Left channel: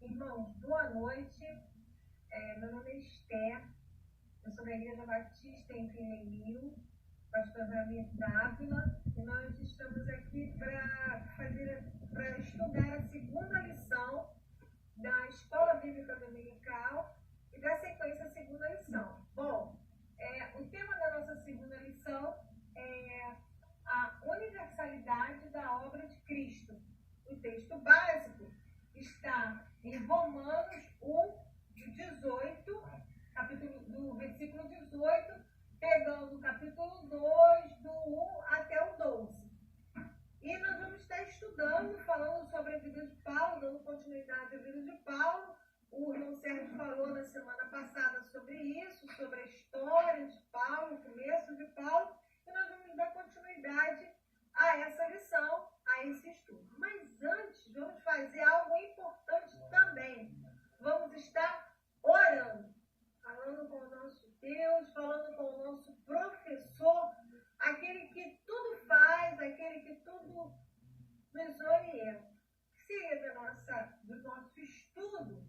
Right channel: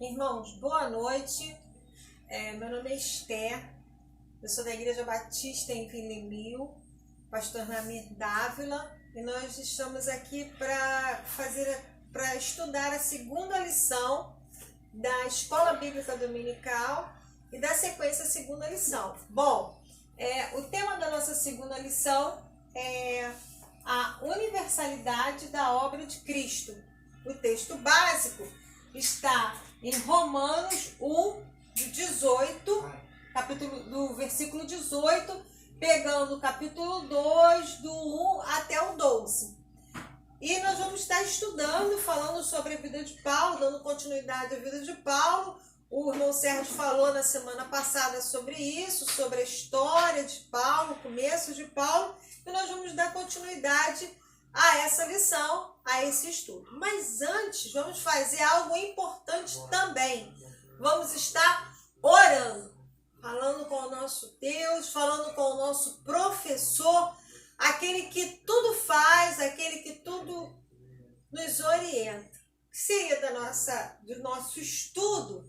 Irmãos, boa noite. Meu nome é Esther, eu sou da Igreja Batista em Vilemil, pastor Ramir Dávila, e nós estamos aqui para estudar a segunda lição da Escola Bíblica Dominical e da sequência segunda lição. Bom, o tema da nossa segunda lição é a universalidade da obra de Cristo. O texto básico está em Romanos 1, do versículo 18, pegando o capítulo 2, do 1 até o 12. E nós vamos estar estudando, falando sobre a vida de Paulo, dando continuidade à vida de Paulo. O irmão Sérgio falou na semana passada sobre isso, sobre a história de Paulo, o começo de Paulo, e nós vamos dar continuidade a essa lição, a esse estudo. Mas antes, vamos fazer algo importante também. Vamos estar orando, falando com o nosso Deus, falando com o nosso professor, aquele que tudo faz, aquele que tudo nos orienta. O que seria do nosso estudo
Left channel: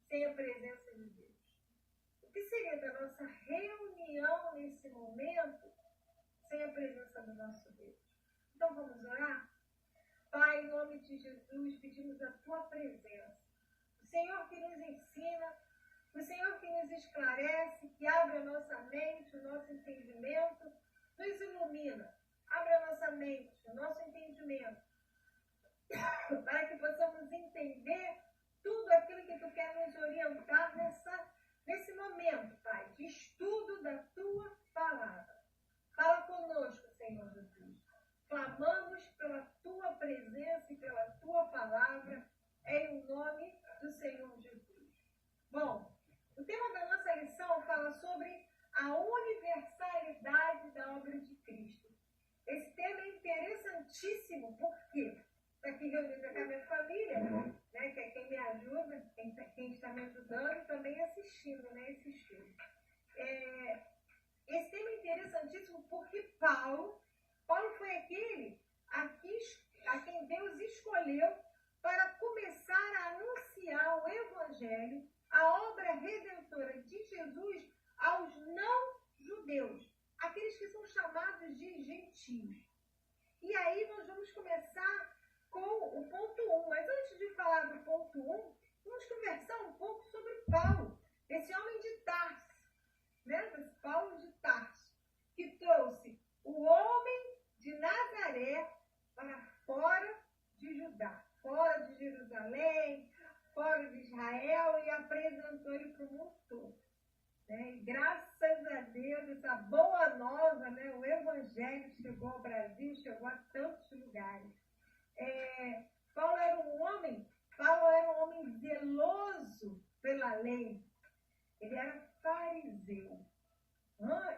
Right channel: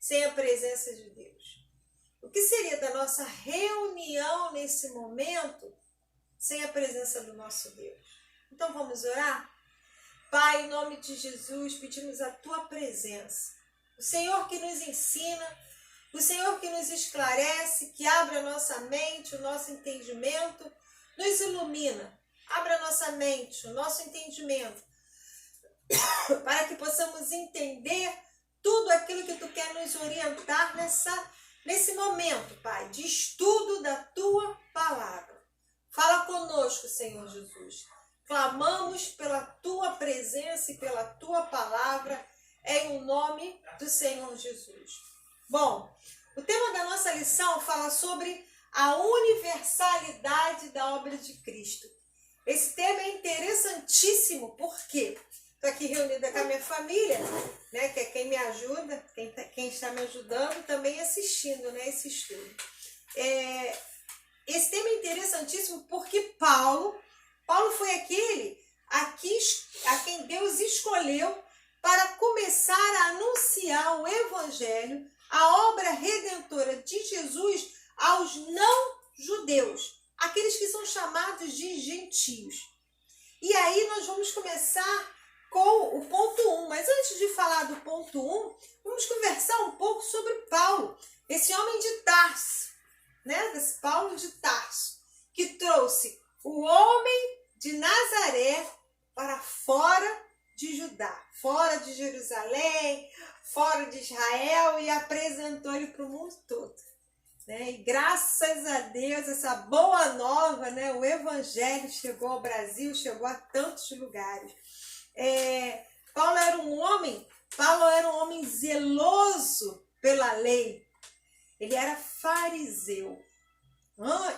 sem a presença de Deus? O que seria da nossa reunião nesse momento sem a presença do nosso Deus? Então vamos orar? Pai, em nome de Jesus, pedimos a Tua presença. O Senhor que nos ensina, o Senhor que nos esclarece, que abre a nossa mente, o nosso entendimento, nos ilumina. Abra a nossa mente, o nosso entendimento, para que possamos entender tudo aquilo que Tu quer nos orientar nesse momento, Pai, de estudo da Tua palavra. Fala conosco, Senhor Jesus. Clamamos pela Tua presença e pela Tua palavra, em o nome do Senhor Jesus. Bom, o tema da nossa lição fala sobre a universalidade da obra de Cristo. Esse tema é interessantíssimo, porque estou aqui reunida com a minha família, né, que é quem me ajuda, quem está me ajudando, também assistindo, né, esse estudo. Esse tema é interessantíssimo porque Paulo foi aquele a quem Deus escolheu para começar a anunciar o Evangelho, a obra redentora de Jesus aos não-judeus, aqueles que são chamados de gentios. E aí nós vamos começar com o ponto 1, mas antes de falar do ponto 1, vamos conversar um pouco sobre Paulo, esse homem de Tarso, né? Desse Paulo de Tarso, que trouxe o homem de Nazaré para fora de Judá, fora de Jerusalém, fora de Israel, e apresentou ele para o mundo todo, né? E graças a Deus, essa boa nova, né? O Evangelho chegou ao Brasil, chegou a tantos lugares. Paulo era um homem zeloso pela lei. Ele era fariseu.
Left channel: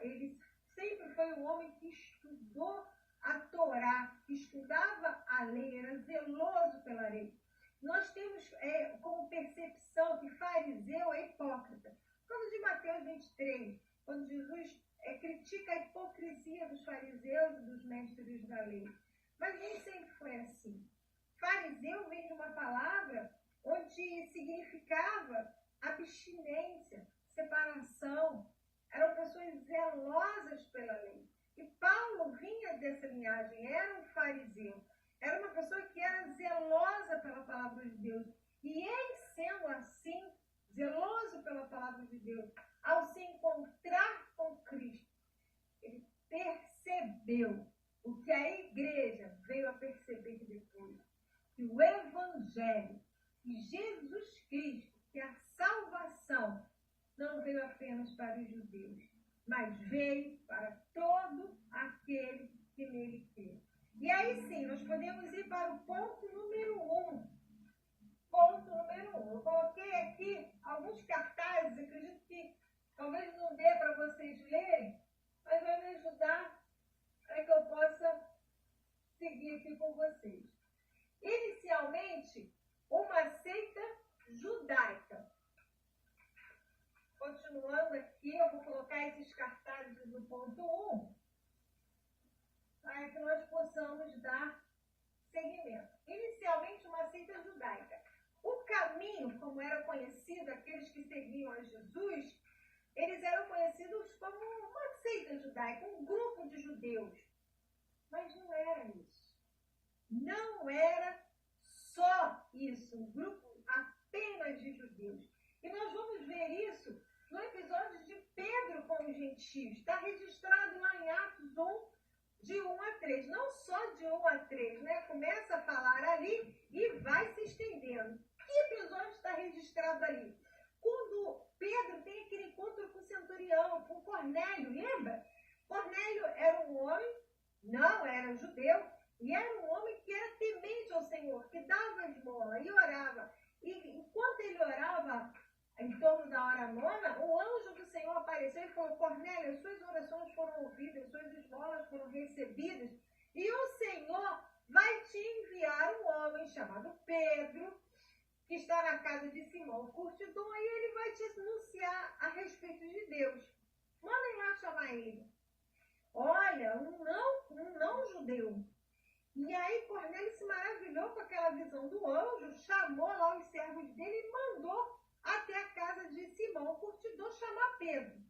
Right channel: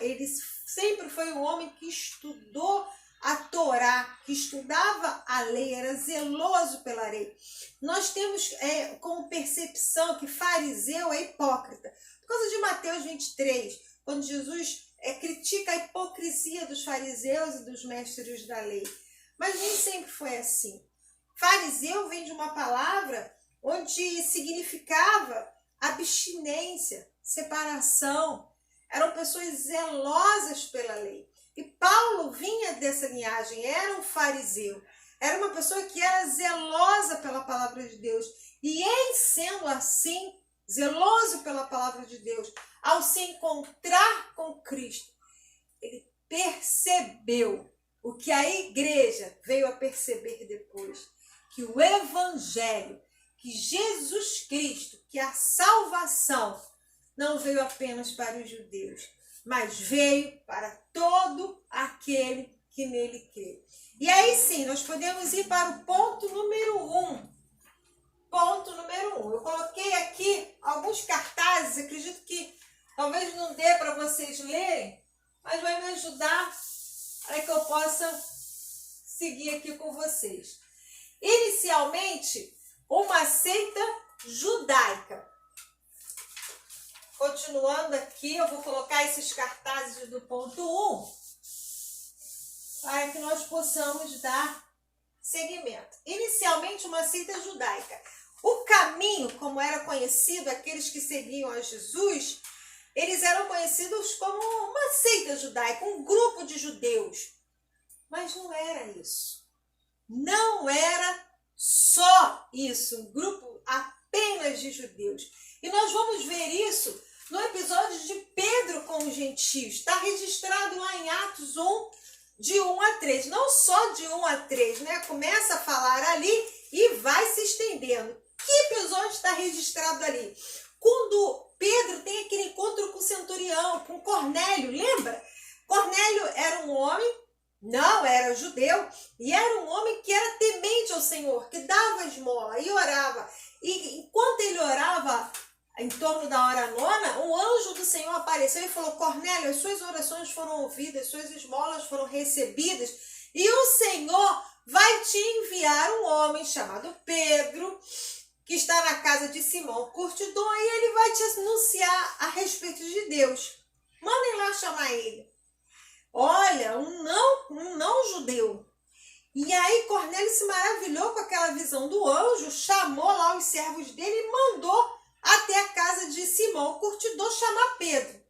Ele sempre foi um homem que estudou a Torá, que estudava a lei, era zeloso pela lei. Nós temos como percepção que fariseu é hipócrita. Por causa de Mateus 23, quando Jesus critica a hipocrisia dos fariseus e dos mestres da lei. Mas nem sempre foi assim. Fariseu vem de uma palavra onde significava abstinência, separação. Eram pessoas zelosas pela lei. E Paulo vinha dessa linhagem, era um fariseu. Era uma pessoa que era zelosa pela palavra de Deus. E em sendo assim, zeloso pela palavra de Deus, ao se encontrar com Cristo, ele percebeu o que a igreja veio a perceber depois, que o Evangelho, que Jesus Cristo, que a salvação não veio apenas para os judeus, mas veio para todo aquele que nele crê. E aí sim, nós podemos ir para o ponto número 1. Ponto número 1. Eu coloquei aqui alguns cartazes, acredito que talvez não dê para vocês lerem, mas vai me ajudar para que eu possa seguir aqui com vocês. Inicialmente, uma seita judaica. Continuando aqui, eu vou colocar esses cartazes do ponto 1 para que nós possamos dar seguimento. Inicialmente, uma seita judaica. O caminho, como era conhecido, aqueles que seguiam a Jesus, eles eram conhecidos como uma seita judaica, um grupo de judeus. Mas não era isso. Não era só isso, um grupo apenas de judeus. E nós vamos ver isso no episódio de Pedro com os gentios. Está registrado lá em Atos 1, de 1 a 3. Não só de 1 a 3, né? Começa a falar ali e vai se estendendo. Que episódio está registrado ali? Quando Pedro tem aquele encontro com o centurião, com Cornélio, lembra? Cornélio era um homem, não era judeu, e era um homem que era temente ao Senhor, que dava esmola e orava. E enquanto ele orava, em torno da hora nona, um anjo do Senhor apareceu e falou: Cornélio, as suas orações foram ouvidas, suas esmolas foram recebidas, e o Senhor vai te enviar um homem chamado Pedro, que está na casa de Simão Curtidor, e ele vai te anunciar a respeito de Deus. Mandem lá chamar ele. Olha, um não judeu. E aí Cornélio se maravilhou com aquela visão do anjo, chamou lá os servos dele e mandou até a casa de Simão Curtidor chamar Pedro.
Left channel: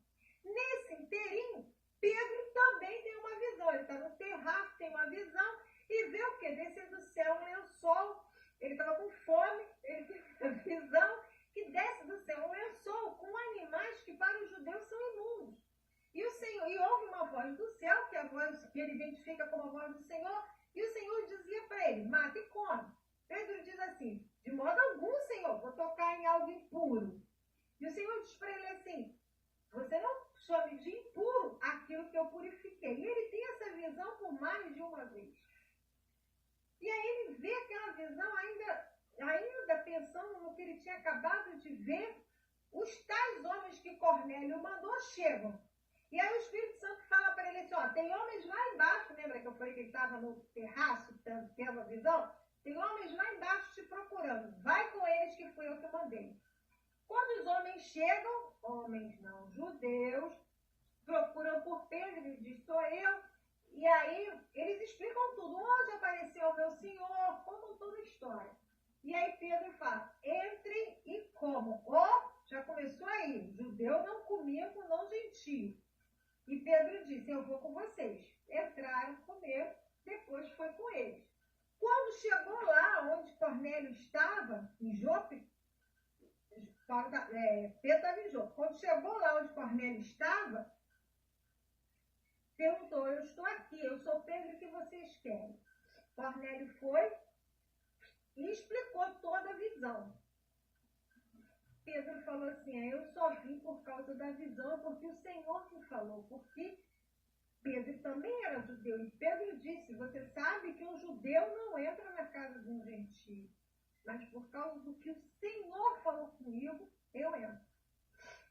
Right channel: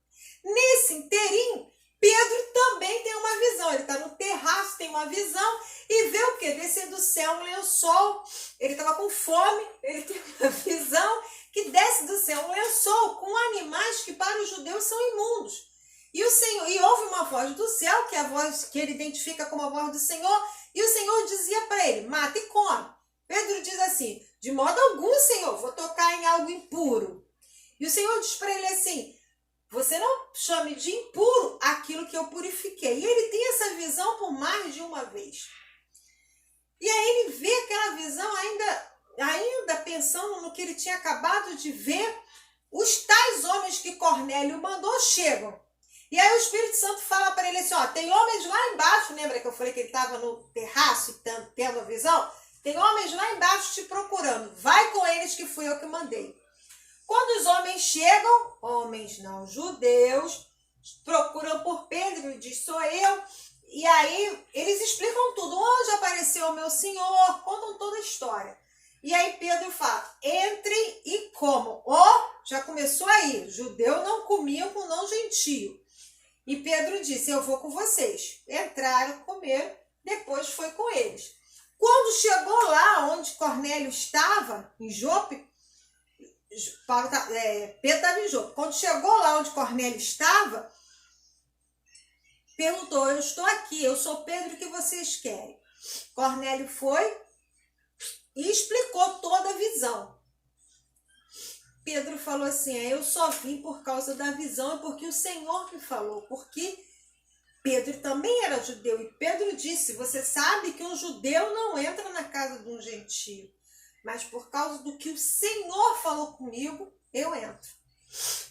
Nesse inteirinho, Pedro também tem uma visão. Ele está no terraço, tem uma visão e vê o quê? Descer do céu um lençol. Ele estava com fome, ele tem uma visão que desce do céu um lençol com animais que para os judeus são imundos. E o Senhor, e ouve uma voz do céu, que é a voz que ele identifica como a voz do Senhor, e o Senhor dizia para ele: mata e come. Pedro diz assim: de modo algum, Senhor, vou tocar em algo impuro. E o Senhor diz para ele assim: você não chame de impuro aquilo que eu purifiquei. E ele tem essa visão por mais de uma vez. E aí ele vê aquela visão ainda pensando no que ele tinha acabado de ver. Os tais homens que Cornélio mandou chegam. E aí o Espírito Santo fala para ele assim: ó, tem homens lá embaixo, lembra que eu falei que ele estava no terraço tendo a visão? Tem homens lá embaixo te procurando. Vai com eles que fui eu que mandei. Quando os homens chegam, homens não judeus, procuram por Pedro e diz: sou eu. E aí eles explicam tudo. Onde apareceu o meu Senhor? Contam toda a história. E aí Pedro fala: entrem e comam. Já começou aí. Judeu não comia com não gentio. E Pedro disse: eu vou com vocês. Entraram, comeram, depois foi com eles. Quando chegou lá onde Cornélio estava, em Jope, Pedro estava em Jope. Quando chegou lá onde Cornélio estava, perguntou: eu estou aqui, eu sou Pedro, o que vocês querem? Cornélio foi e explicou toda a visão. Pedro falou assim: eu só vim por causa da visão e porque o Senhor me falou, porque Pedro também era judeu. E Pedro disse: você sabe que um judeu não entra na casa de um gentio, mas por causa do que o Senhor falou comigo, eu entro.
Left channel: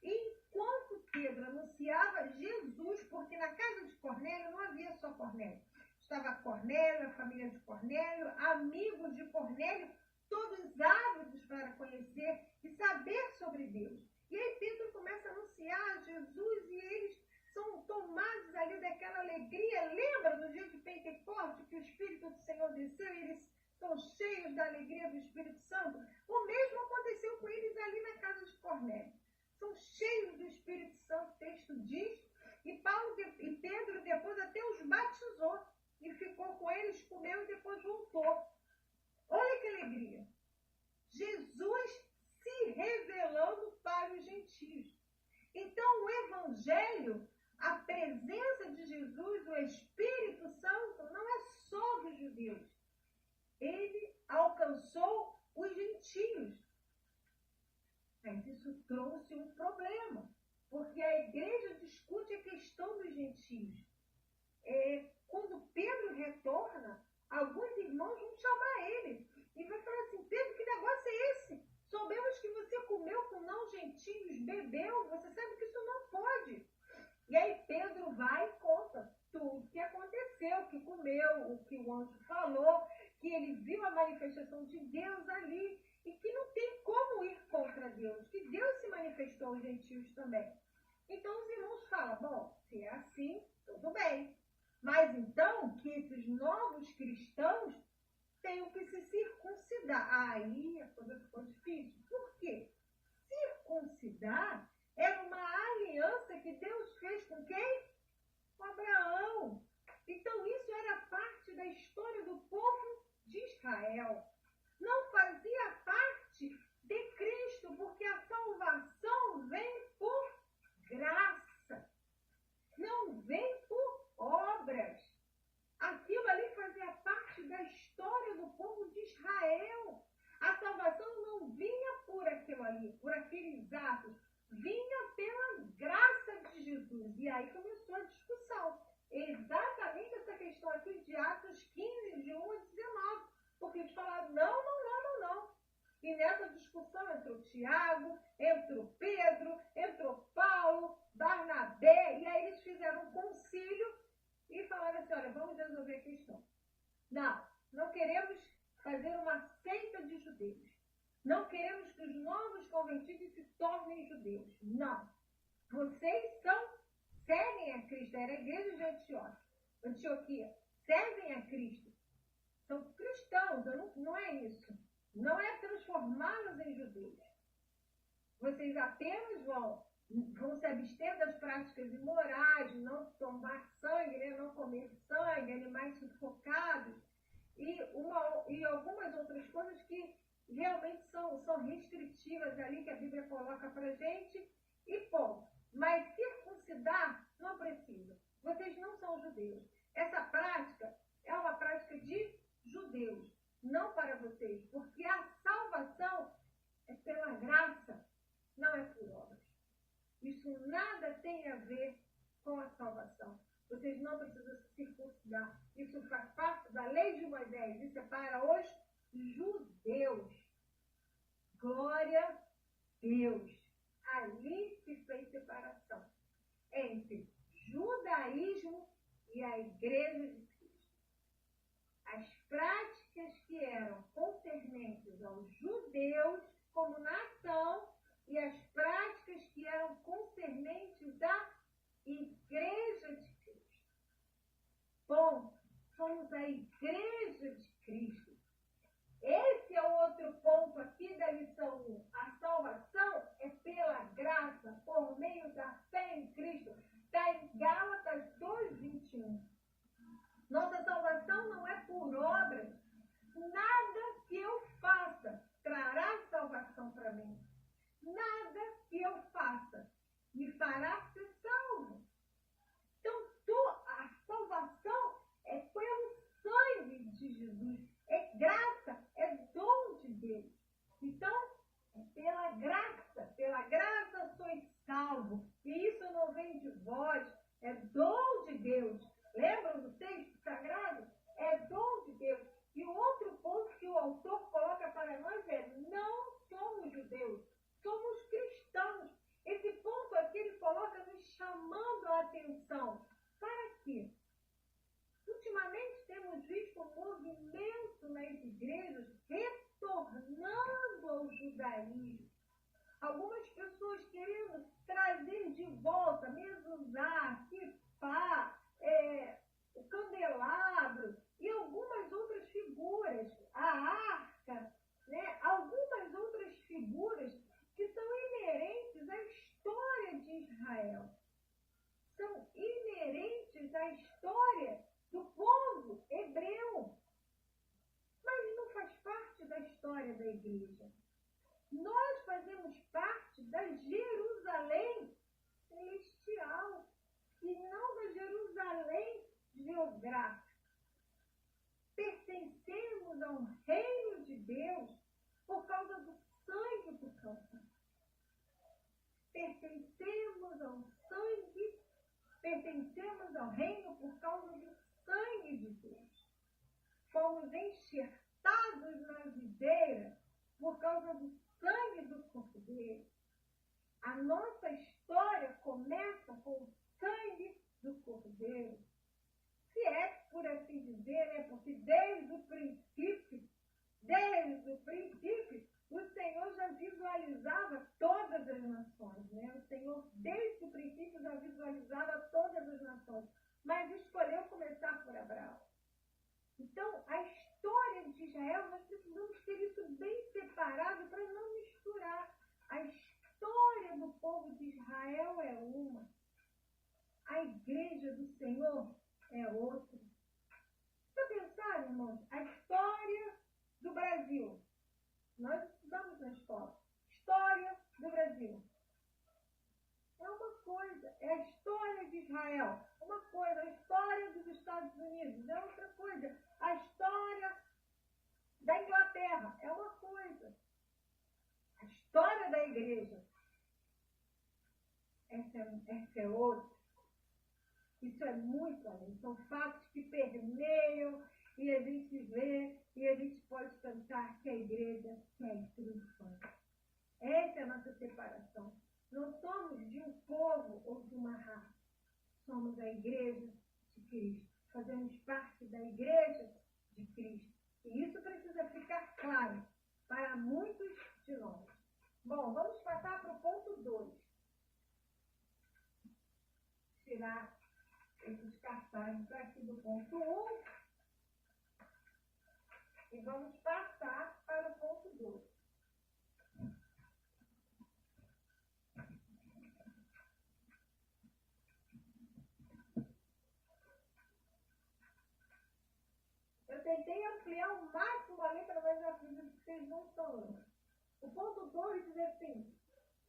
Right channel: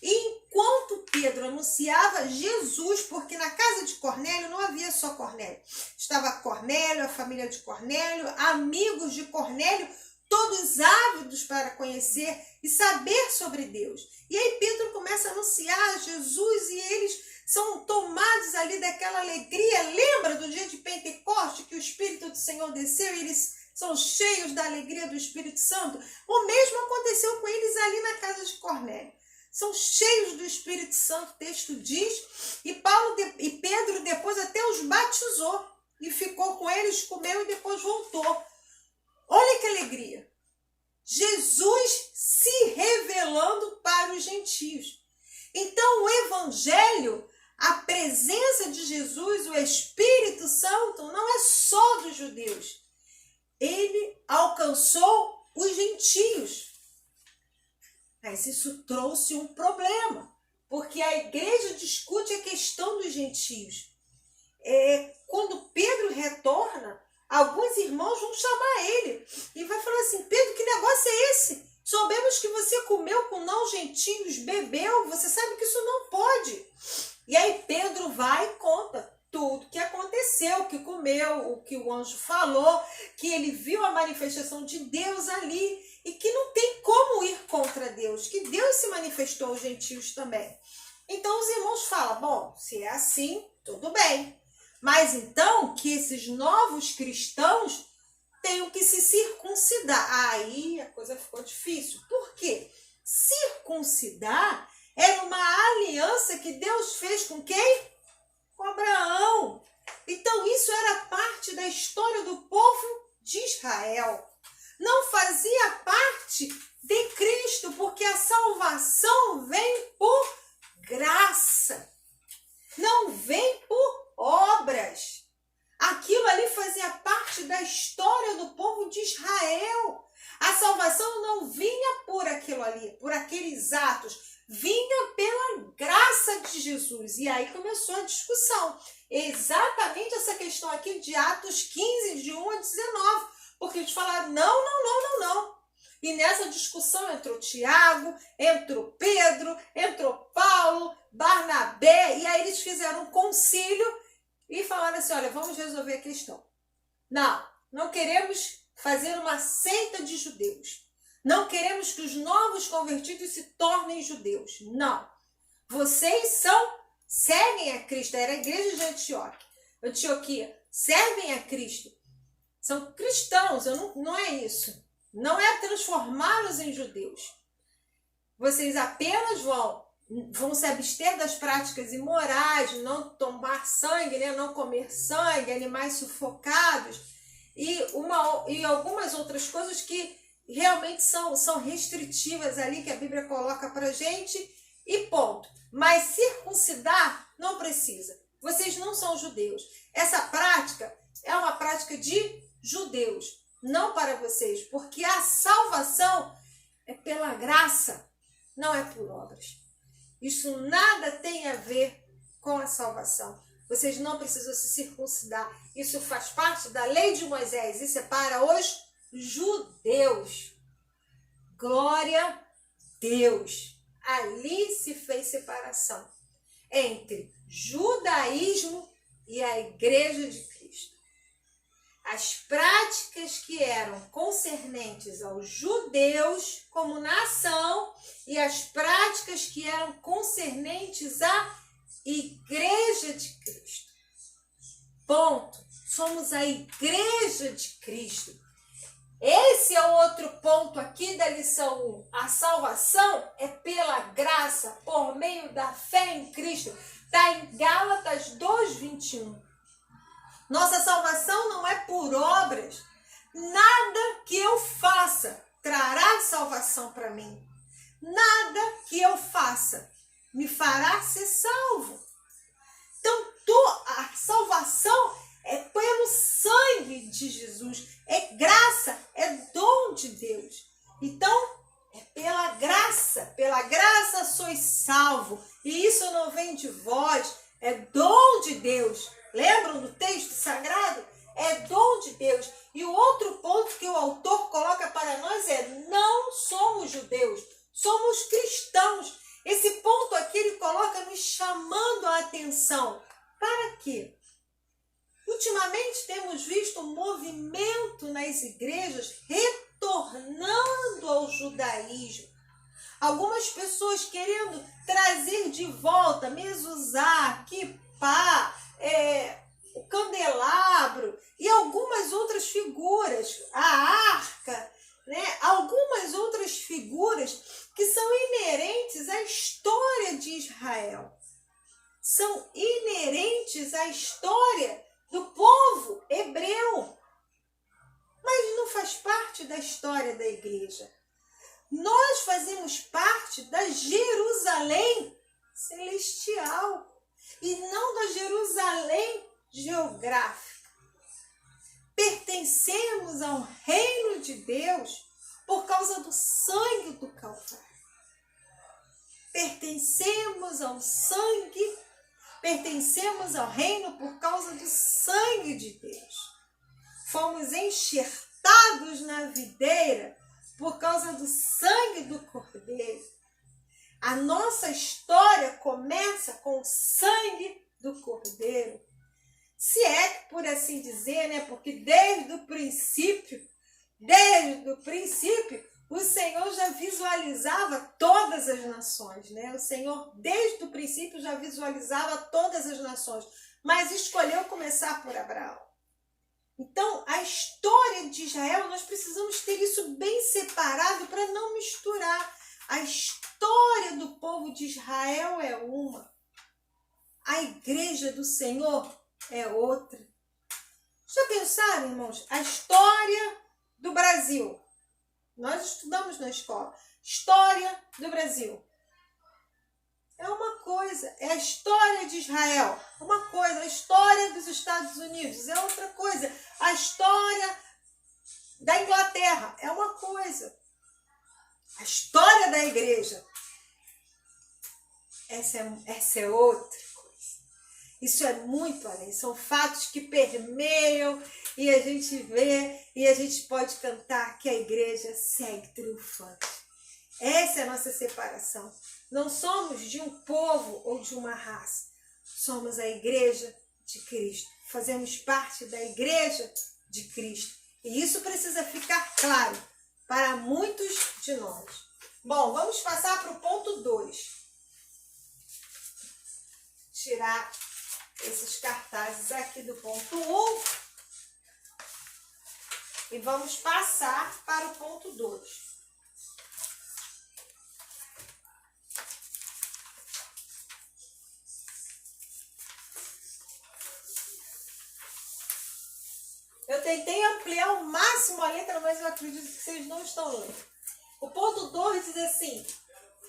E enquanto Pedro anunciava Jesus, porque na casa de Cornélio não havia só Cornélio, estava Cornélio, a família de Cornélio, amigos de Cornélio, todos ávidos para conhecer e saber sobre Deus. E aí Pedro começa a anunciar Jesus e eles são tomados ali daquela alegria. Lembra do dia de Pentecoste que o Espírito do Senhor desceu e eles são cheios da alegria do Espírito Santo? O mesmo aconteceu com eles ali na casa de Cornélio. São cheios do Espírito Santo, o texto diz, e Pedro depois até os batizou e ficou com eles, comeu e depois voltou. Olha que alegria! Jesus se revelando para os gentios. Então o Evangelho, a presença de Jesus, o Espírito Santo, não é só dos judeus. Ele alcançou os gentios. Mas isso trouxe um problema, porque a igreja discute a questão dos gentios. Quando Pedro retorna, alguns irmãos vão chamar ele e vai falar assim: Pedro, que negócio é esse? Soubemos que você comeu com não gentios, bebeu, você sabe que isso não pode. E aí Pedro vai e conta tudo que aconteceu, que comeu, o que o anjo falou, que ele viu a manifestação de Deus ali e que não tem como ir contra Deus, que Deus se manifestou aos gentios também. Então os irmãos falam: bom, se é assim, tudo bem. Mas então que esses novos cristãos tenho que se circuncidar. Aí a coisa ficou difícil. Por quê? Circuncidar era uma aliança que Deus fez com quem? Com Abraão. Então isso era parte da história do povo de Israel. Não fazia parte de Cristo, porque a salvação vem por graça. Não vem por obras. Aquilo ali fazia parte da história do povo de Israel. A salvação não vinha por aquilo ali, por aqueles atos. Vinha pela graça de Jesus. E aí começou a discussão. Exatamente essa questão aqui de Atos 15, de 1 a 19. Porque eles falaram, não. E nessa discussão entrou Tiago, entrou Pedro, entrou Paulo, Barnabé. E aí eles fizeram um concílio e falaram assim, olha, vamos resolver a questão. Não queremos fazer uma seita de judeus. Não queremos que os novos convertidos se tornem judeus. Não. Vocês seguem a Cristo. Era a igreja de Antioquia. Servem a Cristo. São cristãos. Não é isso. Não é transformá-los em judeus. Vocês apenas vão se abster das práticas imorais, não tomar sangue, né? Não comer sangue, animais sufocados e algumas outras coisas que realmente são restritivas ali que a Bíblia coloca pra gente e ponto. Mas circuncidar não precisa. Vocês não são judeus. Essa prática é uma prática de judeus, não para vocês, porque a salvação é pela graça, não é por obras. Isso nada tem a ver com a salvação. Vocês não precisam se circuncidar. Isso faz parte da lei de Moisés. Isso é para os judeus. Glória a Deus. Ali se fez separação entre judaísmo e a igreja de Cristo. As práticas que eram concernentes aos judeus como nação e as práticas que eram concernentes à igreja de Cristo. Ponto. Somos a igreja de Cristo. Esse é o outro ponto aqui da lição 1. A salvação é pela graça, por meio da fé em Cristo. Está em Gálatas 2:21. Nossa salvação não é por obras. Nada que eu faça trará salvação para mim. Nada que eu faça me fará ser salvo. Então, a salvação é pelo sangue de Jesus. É graça, é dom de Deus. Então, é pela graça sois salvo. E isso não vem de vós, é dom de Deus. Lembram do texto sagrado? É dom de Deus. E o outro ponto que o autor coloca para nós é: não somos judeus, somos cristãos. Esse ponto aqui ele coloca nos chamando a atenção. Para quê? Ultimamente temos visto um movimento nas igrejas retornando ao judaísmo. Algumas pessoas querendo trazer de volta mezuzá, quipá, o candelabro e algumas outras figuras, a arca, né? Algumas outras figuras que são inerentes à história de Israel. São inerentes à história do povo hebreu. Mas não faz parte da história da igreja. Nós fazemos parte da Jerusalém celestial e não da Jerusalém geográfica. Pertencemos ao reino de Deus por causa do sangue do Calvário. Pertencemos ao sangue, pertencemos ao reino por causa do sangue de Deus. Fomos enxertados na videira por causa do sangue do Cordeiro. A nossa história começa com o sangue do Cordeiro. Se é por assim dizer, né? Porque desde o princípio, o Senhor já visualizava todas as nações, né? O Senhor, desde o princípio, já visualizava todas as nações, mas escolheu começar por Abraão. Então, a história de Israel, nós precisamos ter isso bem separado para não misturar. A história do povo de Israel é uma, a igreja do Senhor é outra. Já pensaram, irmãos? A história do Brasil. Nós estudamos na escola. História do Brasil. É uma coisa. É a história de Israel. Uma coisa. A história dos Estados Unidos é outra coisa. A história da Inglaterra é uma coisa. A história da igreja. Essa é outra coisa. Isso é muito além. São fatos que permeiam e a gente vê e a gente pode cantar que a igreja segue triunfante. Essa é a nossa separação. Não somos de um povo ou de uma raça. Somos a igreja de Cristo. Fazemos parte da igreja de Cristo. E isso precisa ficar claro para muitos de nós. Bom, vamos passar para o ponto 2. Tirar esses cartazes aqui do ponto 1. E vamos passar para o ponto 2. Eu tentei ampliar ao máximo a letra, mas eu acredito que vocês não estão lendo. O ponto 2 diz assim,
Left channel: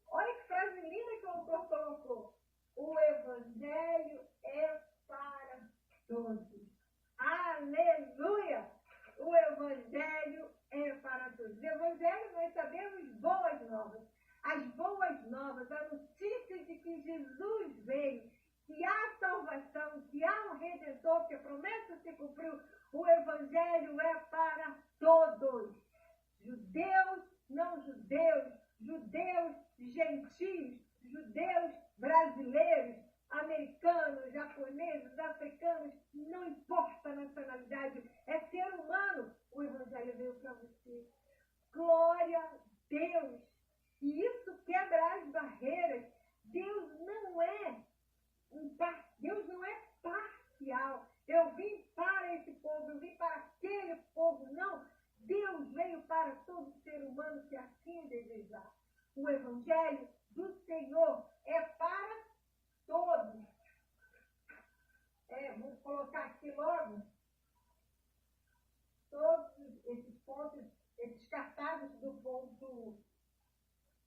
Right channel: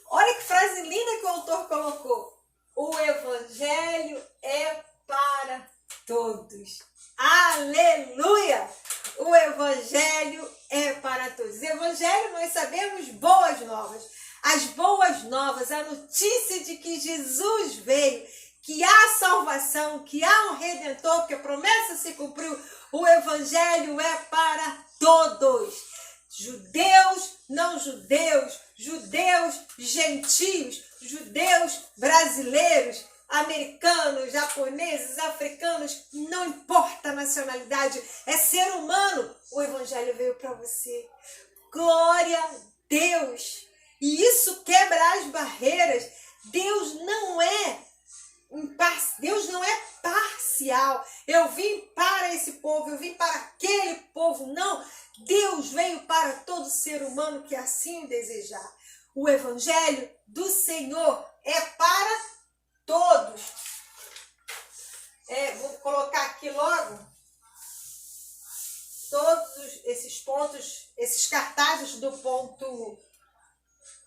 olha que frase linda que o autor colocou. O evangelho é para todos. Aleluia! O evangelho é para todos. Evangelho, nós sabemos, boas novas. As boas novas, a notícia de que Jesus veio, que há salvação, que há um Redentor, que a promessa se cumpriu. O evangelho é para todos. Judeus, não judeus, judeus, gentios, judeus, brasileiros, americanos, japoneses, africanos, não importa a nacionalidade, é ser humano. O evangelho veio para você. Glória a Deus. E isso quebra as barreiras. Deus não é parcial. Eu vim para esse povo, eu vim para aquele povo. Não, Deus veio para todo ser humano que assim desejar. O evangelho do Senhor é para todos. Vou colocar aqui logo todos esses pontos, esses cartazes do ponto,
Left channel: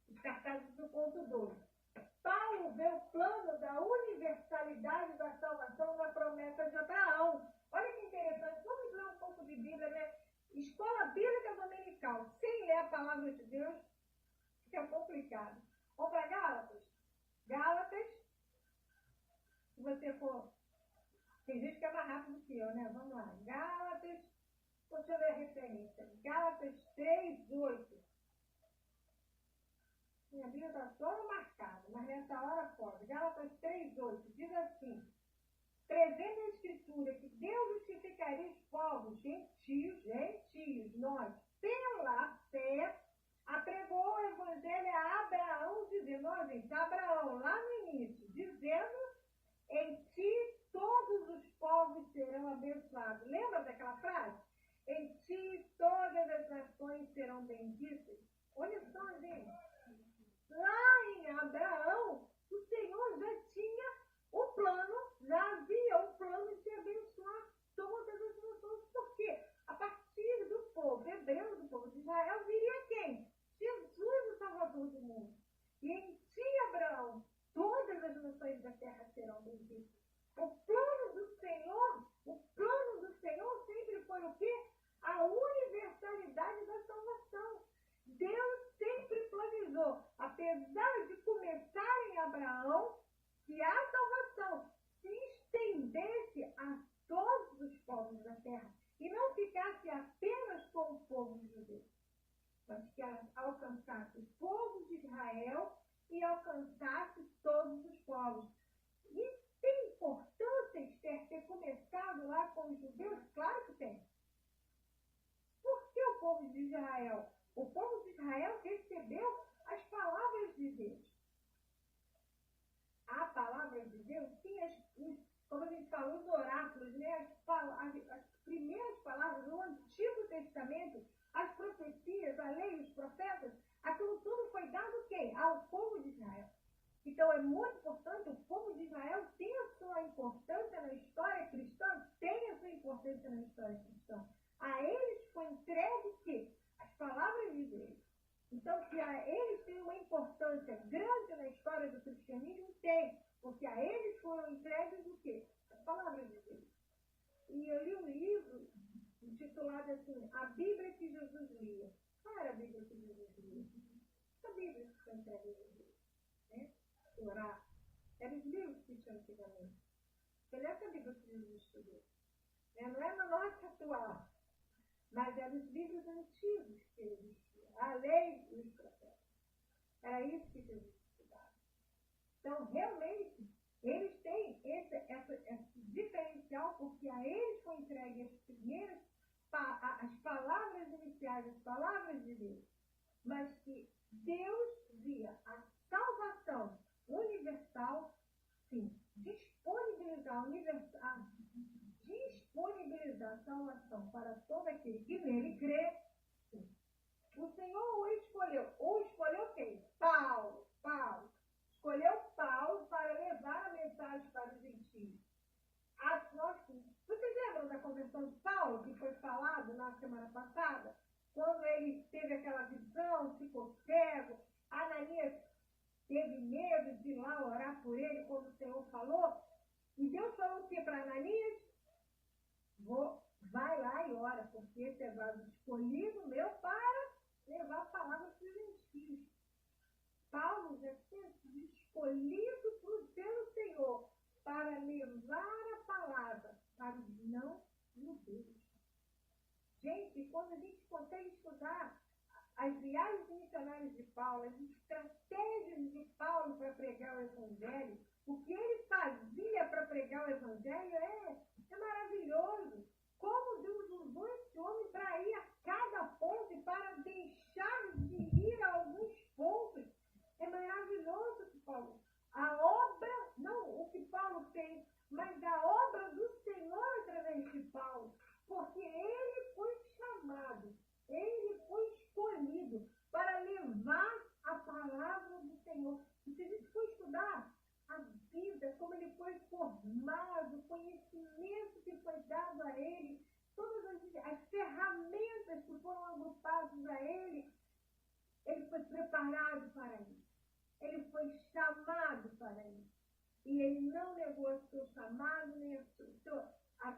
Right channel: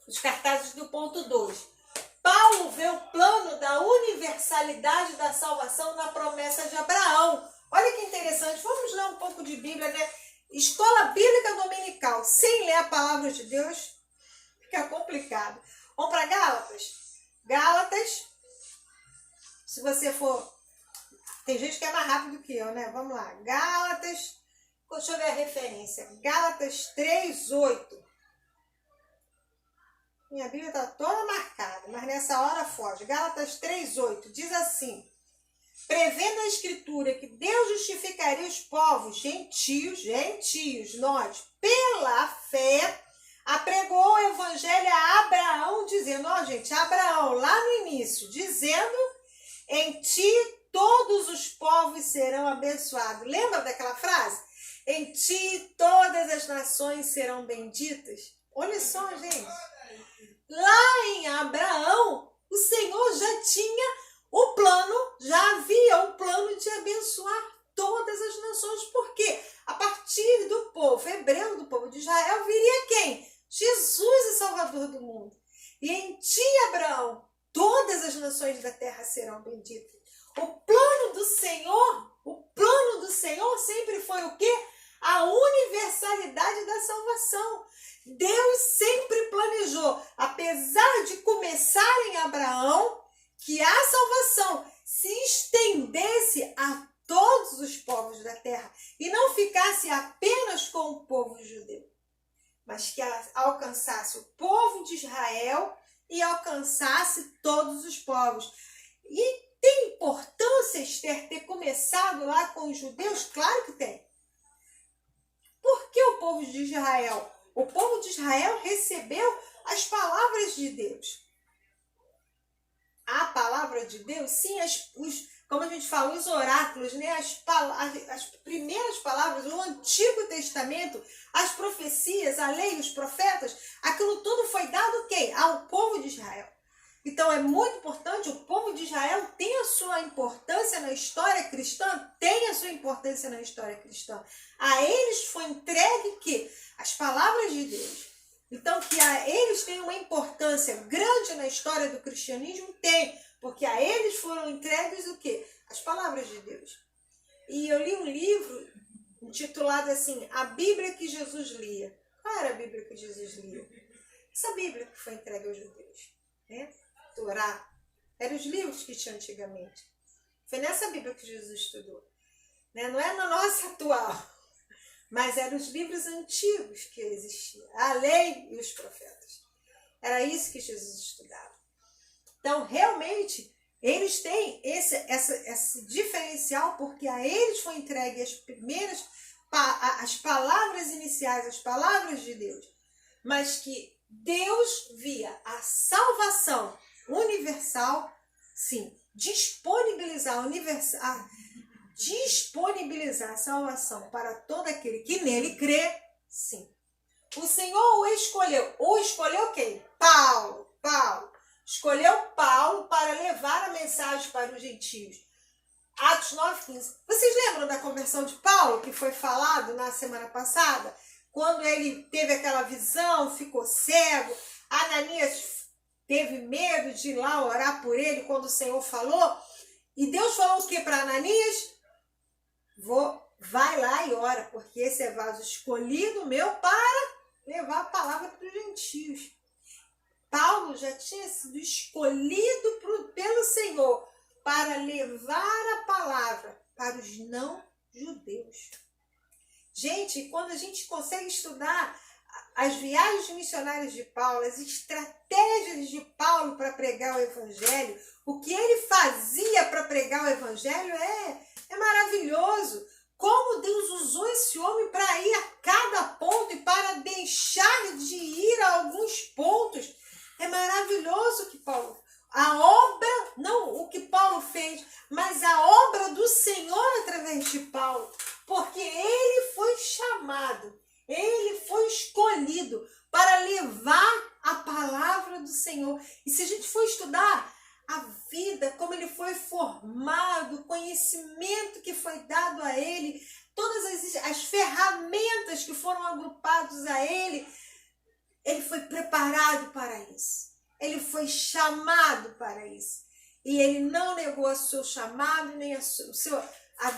os cartazes do ponto 2. Paulo vê o plano da universalidade da salvação na promessa de Abraão. Olha que interessante, vamos ler um pouco de Bíblia, né? Escola Bíblica Dominical, sem ler a palavra de Deus, fica complicado. Vamos para Gálatas? Gálatas, se você for... Tem gente que é mais rápido que eu, né? Vamos lá. Gálatas, deixa eu ver a referência. Gálatas 3:8. Minha Bíblia está toda marcada, mas nessa hora foge. Gálatas 3:8 diz assim: prevendo a Escritura que Deus justificaria os povos gentios, nós, pela fé, apregou o evangelho a Abraão, dizendo, Abraão, lá no início, dizendo, em ti todos os povos serão abençoados. Lembra daquela frase? Em ti todas as nações serão benditas. Olha só, gente. Lá em Abraão, o Senhor já tinha o plano, já havia o plano de abençoar todas as nações. Por quê? A partir do povo hebreu, do povo de Israel, viria quem? Jesus, o Salvador do mundo. E em ti, Abraão, todas as nações da terra serão benditas. O plano do Senhor sempre foi o quê? A universalidade da salvação. Deus sempre planejou, apesar de começar em Abraão, que a salvação se estendesse a todos os povos da terra e não ficasse apenas com o povo judeu, mas que ela alcançasse o povo de Israel e alcançasse todos os povos. E tem importância, Esther, ter começado lá com os judeus? Claro que tem. Por que o povo de Israel? O povo de Israel recebeu as palavras de Deus. A palavra de Deus, sim, como a gente fala, os oráculos, né? As primeiras palavras, o Antigo Testamento, as profecias, a lei, os profetas, aquilo tudo foi dado quem? Ao povo de Israel. Então é muito importante, o povo de Israel tem a sua importância na história cristã, tem a sua importância na história cristã. A eles foi entregue que? As palavras de Deus. Então que a eles têm uma importância grande na história do cristianismo, tem, porque a eles foram entregues o quê? As palavras de Deus. E eu li um livro intitulado assim, A Bíblia que Jesus lia. Qual era a Bíblia que Jesus lia? Essa Bíblia que foi entregue aos judeus, né? Torá, eram os livros que tinha antigamente. Foi nessa Bíblia que Jesus estudou. Né? Não é na nossa atual, mas eram os livros antigos que existiam. A lei e os profetas. Era isso que Jesus estudava. Então, realmente, eles têm esse diferencial, porque a eles foi entregue as palavras iniciais, as palavras de Deus. Mas que Deus via a salvação universal, sim, disponibilizar a salvação para todo aquele que nele crê, sim. O Senhor o escolheu quem? Paulo. Escolheu Paulo para levar a mensagem para os gentios. Atos 9:15. Vocês lembram da conversão de Paulo, que foi falado na semana passada? Quando ele teve aquela visão, ficou cego, Ananias teve medo de ir lá orar por ele quando o Senhor falou. E Deus falou o que para Ananias? Vai lá e ora, porque esse é vaso escolhido meu para levar a palavra para os gentios. Paulo já tinha sido escolhido pelo Senhor para levar a palavra para os não-judeus. Gente, quando a gente consegue estudar as viagens missionárias de Paulo, as estratégias de Paulo para pregar o evangelho, o que ele fazia para pregar o evangelho é maravilhoso. Como Deus usou esse homem para ir a cada ponto e para deixar de ir a alguns pontos. É maravilhoso que Paulo, a obra, não o que Paulo fez, mas a obra do Senhor através de Paulo, porque ele foi chamado, ele foi escolhido para levar a palavra do Senhor. E se a gente for estudar a vida, como ele foi formado, o conhecimento que foi dado a ele, todas as ferramentas que foram agrupadas a ele foi preparado para isso. Ele foi chamado para isso. E ele não negou o seu chamado, nem a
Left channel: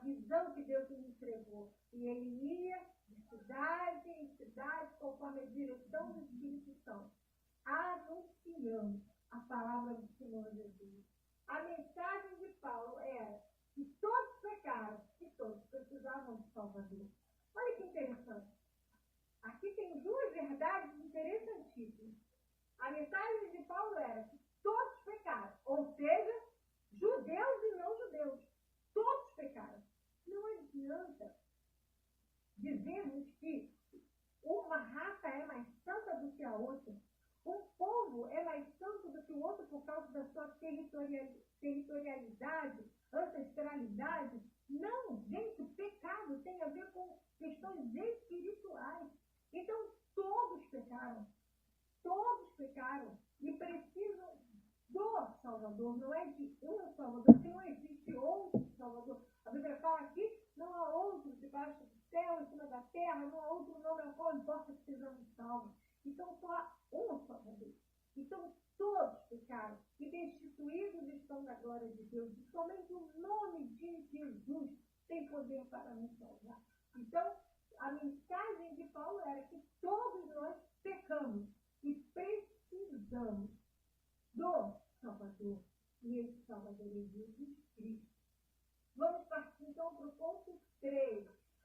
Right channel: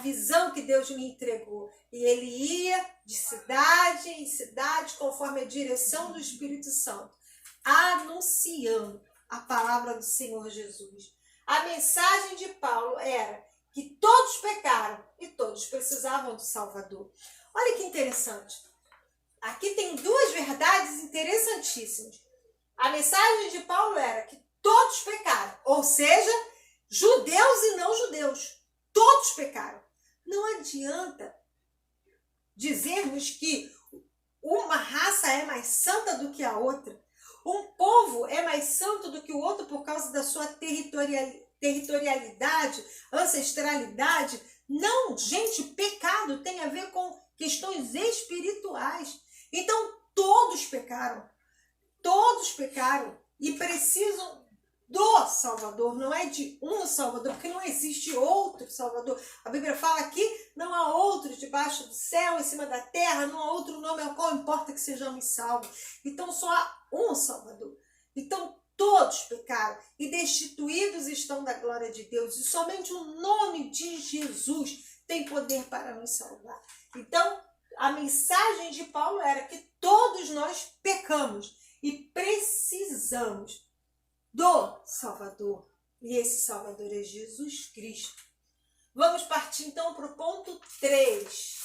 visão que Deus lhe entregou. E ele ia de cidade em cidade, conforme a direção do Espírito Santo, anunciando a palavra do Senhor Jesus. A mensagem de Paulo era que todos pecaram e todos precisavam do Salvador. Olha que interessante. Aqui tem duas verdades interessantíssimas. A mensagem de Paulo era que todos pecaram, ou seja, judeus e não judeus. Todos pecaram. Não adianta dizermos que uma raça é mais santa do que a outra. Um povo é mais santo do que o outro por causa da sua territorialidade, ancestralidade. Não, gente, pecado tem a ver com questões espirituais. Então, todos pecaram e precisam do Salvador, não é de um Salvador, porque não existe outro Salvador. A Bíblia fala aqui, não há outro debaixo do céu, em cima da terra, não há outro nome ao qual importa que sejamos salvos. Então só há um Salvador. Então todos pecaram e destituídos estão da glória de Deus, e somente o nome de Jesus tem poder para nos salvar. Então a mensagem de Paulo era que todos nós pecamos e precisamos do Salvador. E esse Salvador é Jesus Cristo. Vamos partir então para o ponto 3.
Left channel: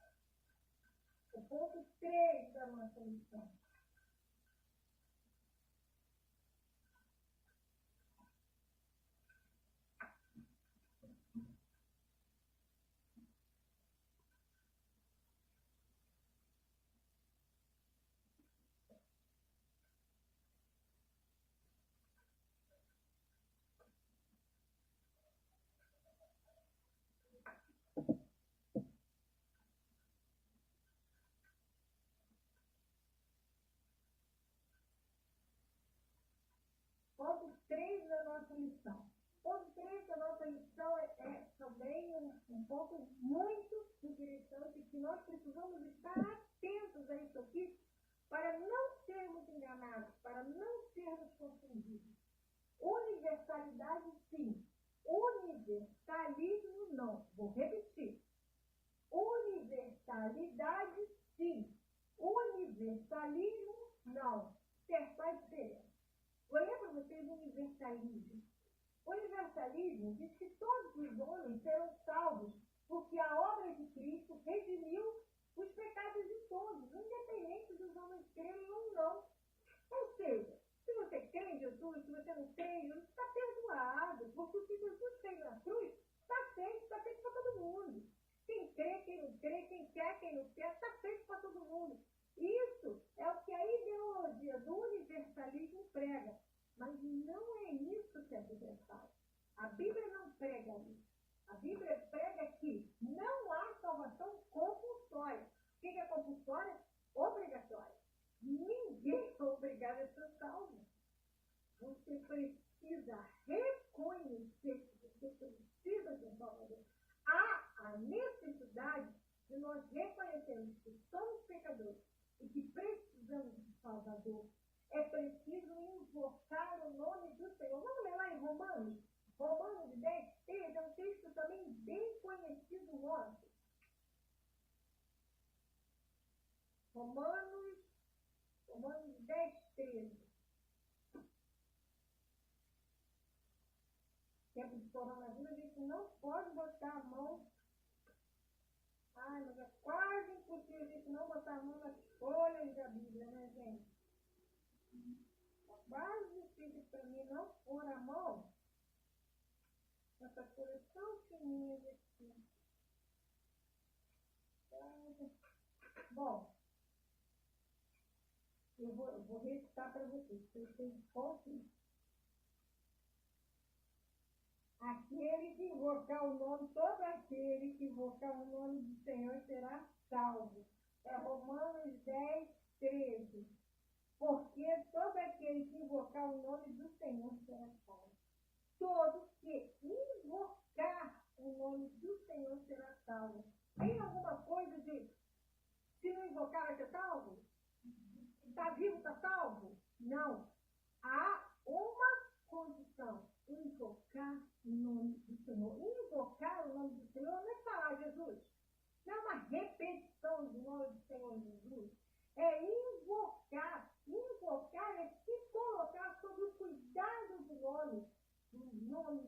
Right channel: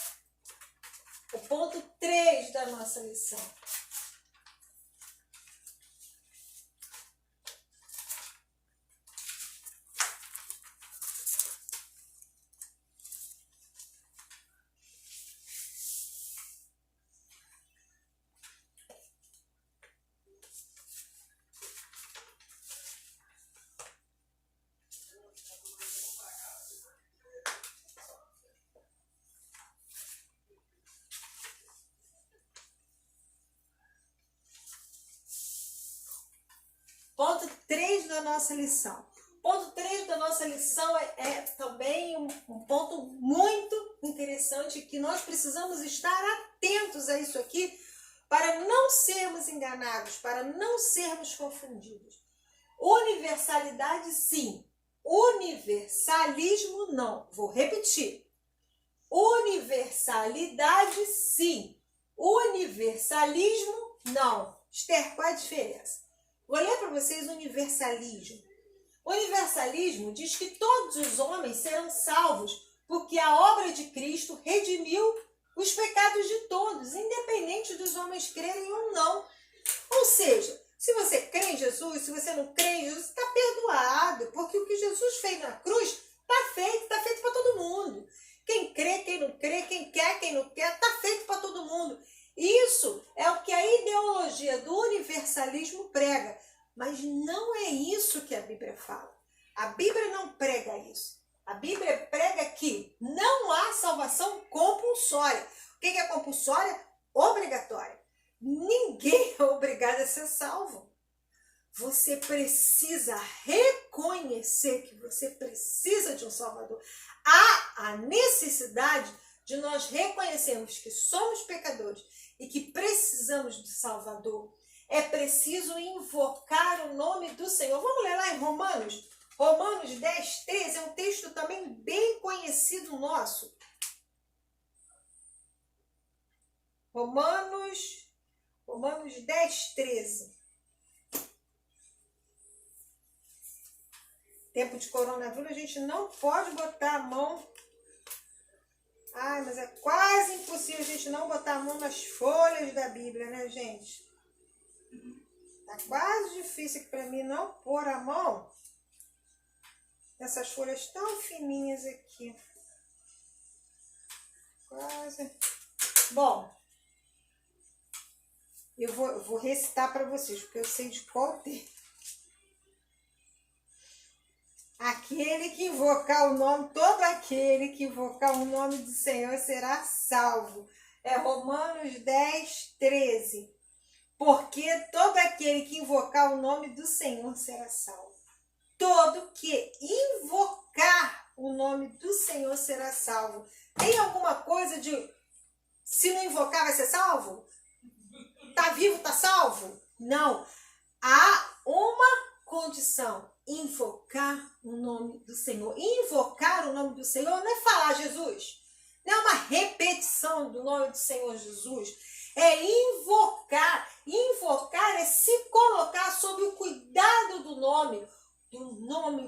O ponto 3 da nossa lição. da nossa lição. Ponto 3 da nossa lição é também um ponto muito interessante, que nós precisamos estar atentos a isso aqui para não sermos enganados, para não sermos confundidos. Universalidade, sim. Universalismo, não. Vou repetir. Universalidade, sim. Universalismo, não. Esther, qual é a diferença? Vou ler para vocês universalismo. Universalismo diz que todos os homens serão salvos, porque a obra de Cristo redimiu os pecados de todos, independente dos homens crerem ou não. Ou seja, se você crê em Jesus, se você não crê em Jesus, está perdoado, porque o que Jesus fez na cruz está feito para todo mundo. Quem crê, quem não crê, quem não quer, está feito para todo mundo. Isso é o que a ideologia do universalismo prega. Mas não é isso que a Bíblia fala. A Bíblia não prega isso. A Bíblia prega que não há salvação compulsória. O que é compulsória? Obrigatória. Ninguém é obrigado a ser salvo. Você precisa reconhecer que você precisa de um Salvador. Há a necessidade de nós reconhecermos que somos pecadores e que precisamos de Salvador. É preciso invocar o nome do Senhor. Vamos ler lá em Romanos? Romanos 10, 13 é um texto também bem conhecido nosso. Romanos 10, 13. Tempo de coronavírus, a gente não pode botar a mão. Ai, mas é quase impossível a gente não botar a mão nas folhas da Bíblia, né, gente? Tá quase difícil para mim não pôr a mão nessas folhas tão fininhas aqui. Quase. Bom, eu vou recitar para vocês, porque eu sei de qual texto. Aquele que invocar o nome, todo aquele que invocar o nome do Senhor será salvo. É Romanos 10, 13. Porque todo aquele que invocar o nome do Senhor será salvo. Todo que invocar o nome do Senhor será salvo. Tem alguma coisa de, se não invocar vai ser salvo? Tá vivo, tá salvo? Não. Há uma condição: invocar o nome do Senhor. Invocar o nome do Senhor não é falar Jesus. Não é uma repetição do nome do Senhor Jesus. É invocar. Invocar é se colocar sob o cuidado do nome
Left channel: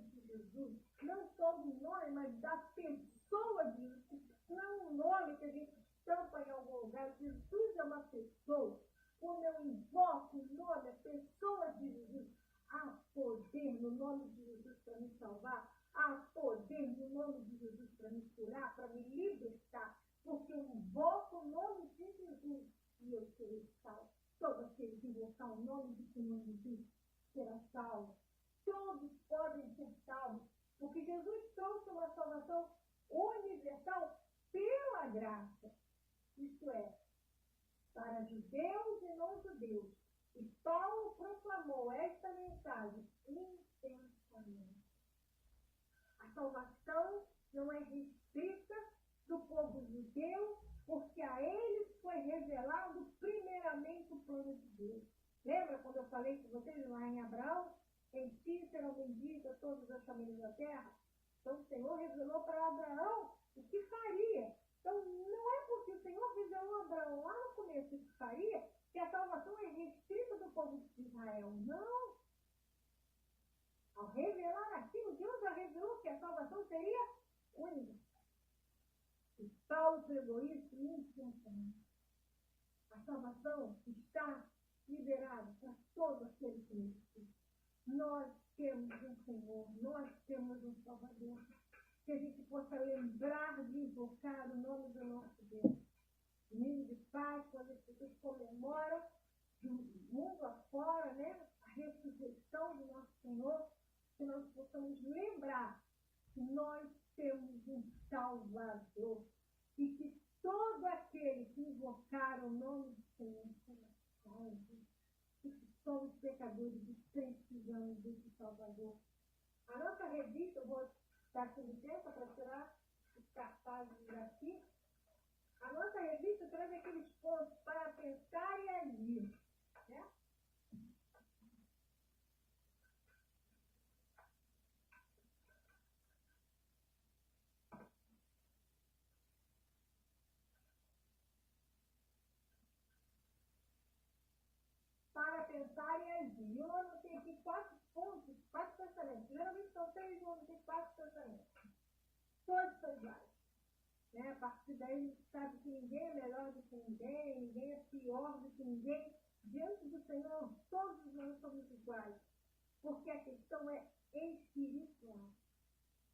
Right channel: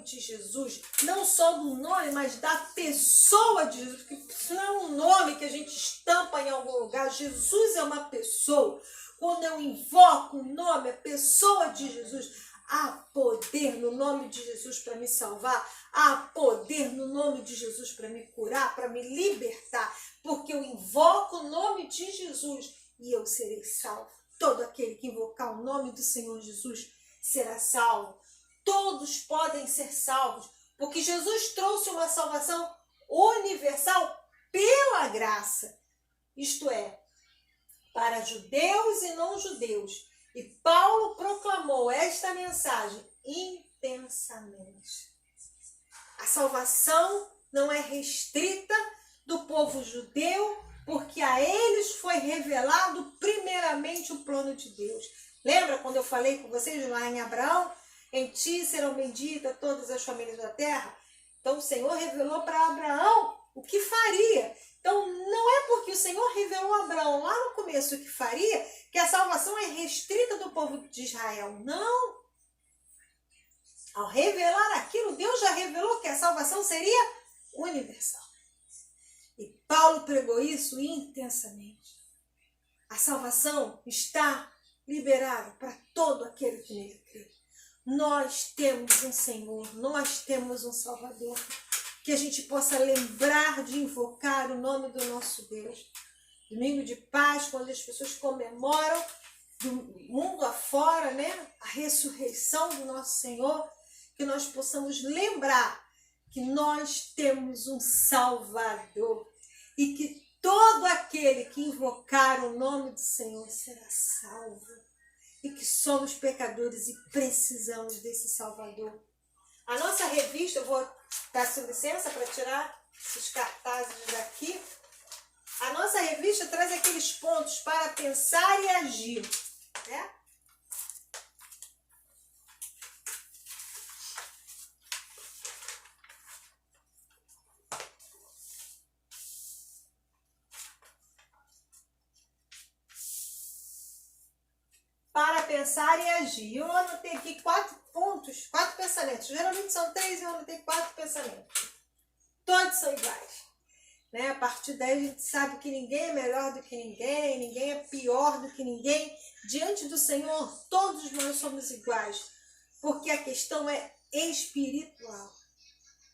de Jesus. Não só do nome, mas da pessoa de Jesus. Porque isso não é um nome que a gente estampa em algum lugar. Jesus é uma pessoa. Quando eu invoco o nome, a pessoa de Jesus, há poder no nome de Jesus para me salvar. Há poder no nome de Jesus para me curar, para me libertar. Porque eu invoco o nome de Jesus e eu serei salvo. Todo aquele que invocar o nome do Senhor Jesus será salvo. Todos podem ser salvos, porque Jesus trouxe uma salvação universal pela graça. Isto é, para judeus e não judeus. E Paulo proclamou esta mensagem intensamente. A salvação não é restrita do povo judeu, porque a eles foi revelado primeiramente o plano de Deus. Lembra quando eu falei com vocês lá em Abraão? Em ti serão benditas todas as famílias da terra. Então o Senhor revelou para Abraão o que faria. Então não é porque o Senhor revelou a Abraão lá no começo o que faria, que a salvação é restrita do povo de Israel. Não. Ao revelar aquilo, Deus já revelou que a salvação seria universal. E Paulo pregou isso intensamente. A salvação está liberada para todo aquele que nele crê. Nós temos um Senhor, nós temos um Salvador. Que a gente possa lembrar de invocar o nome do nosso Deus. Domingo de Páscoa, quando as pessoas comemoram do mundo afora, né, a ressurreição do nosso Senhor, que nós possamos lembrar que nós temos um Salvador e que todo aquele que invocar o nome do Senhor será salvo. e que somos pecadores e precisamos desse Salvador. A nossa revista, eu vou peço licença para tirar esses cartazes daqui. A nossa revista traz aqueles pontos para pensar e agir, né? Para pensar e agir. Eu anotei aqui 4 pontos, 4 pensamentos. Geralmente são 3 e eu anotei 4 pensamentos. Todos são iguais. Né? A partir daí a gente sabe que ninguém é melhor do que ninguém, ninguém é pior do que ninguém. Diante do Senhor, todos nós somos iguais. Porque a questão é espiritual.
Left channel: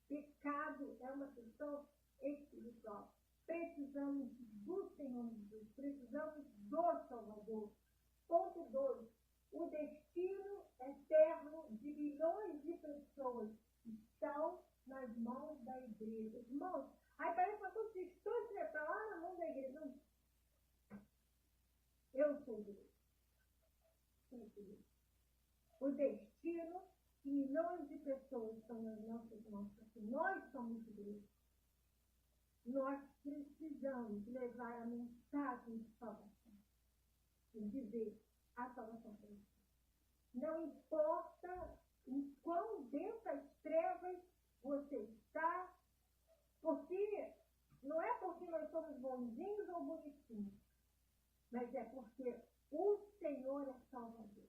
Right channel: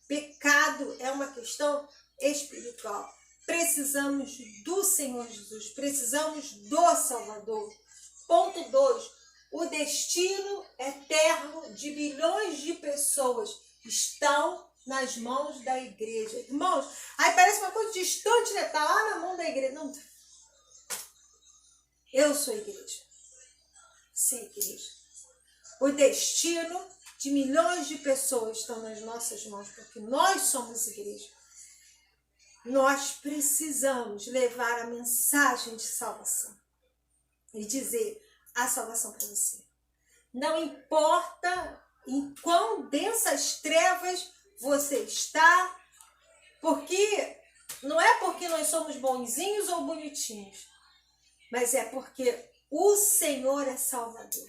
Pecado é uma questão espiritual. Precisamos do Senhor Jesus, precisamos do Salvador. Ponto 2. O destino eterno de bilhões de pessoas estão nas mãos da igreja. Irmãos, aí parece uma coisa distante, né? Está lá na mão da igreja. Não. Eu sou igreja. Você é igreja. O destino de milhões de pessoas estão nas nossas mãos, porque nós somos igreja. Nós precisamos levar a mensagem de salvação e dizer a salvação para você. Não importa em quão densas trevas você está, porque não é porque nós somos bonzinhos ou bonitinhos, mas é porque o Senhor é Salvador.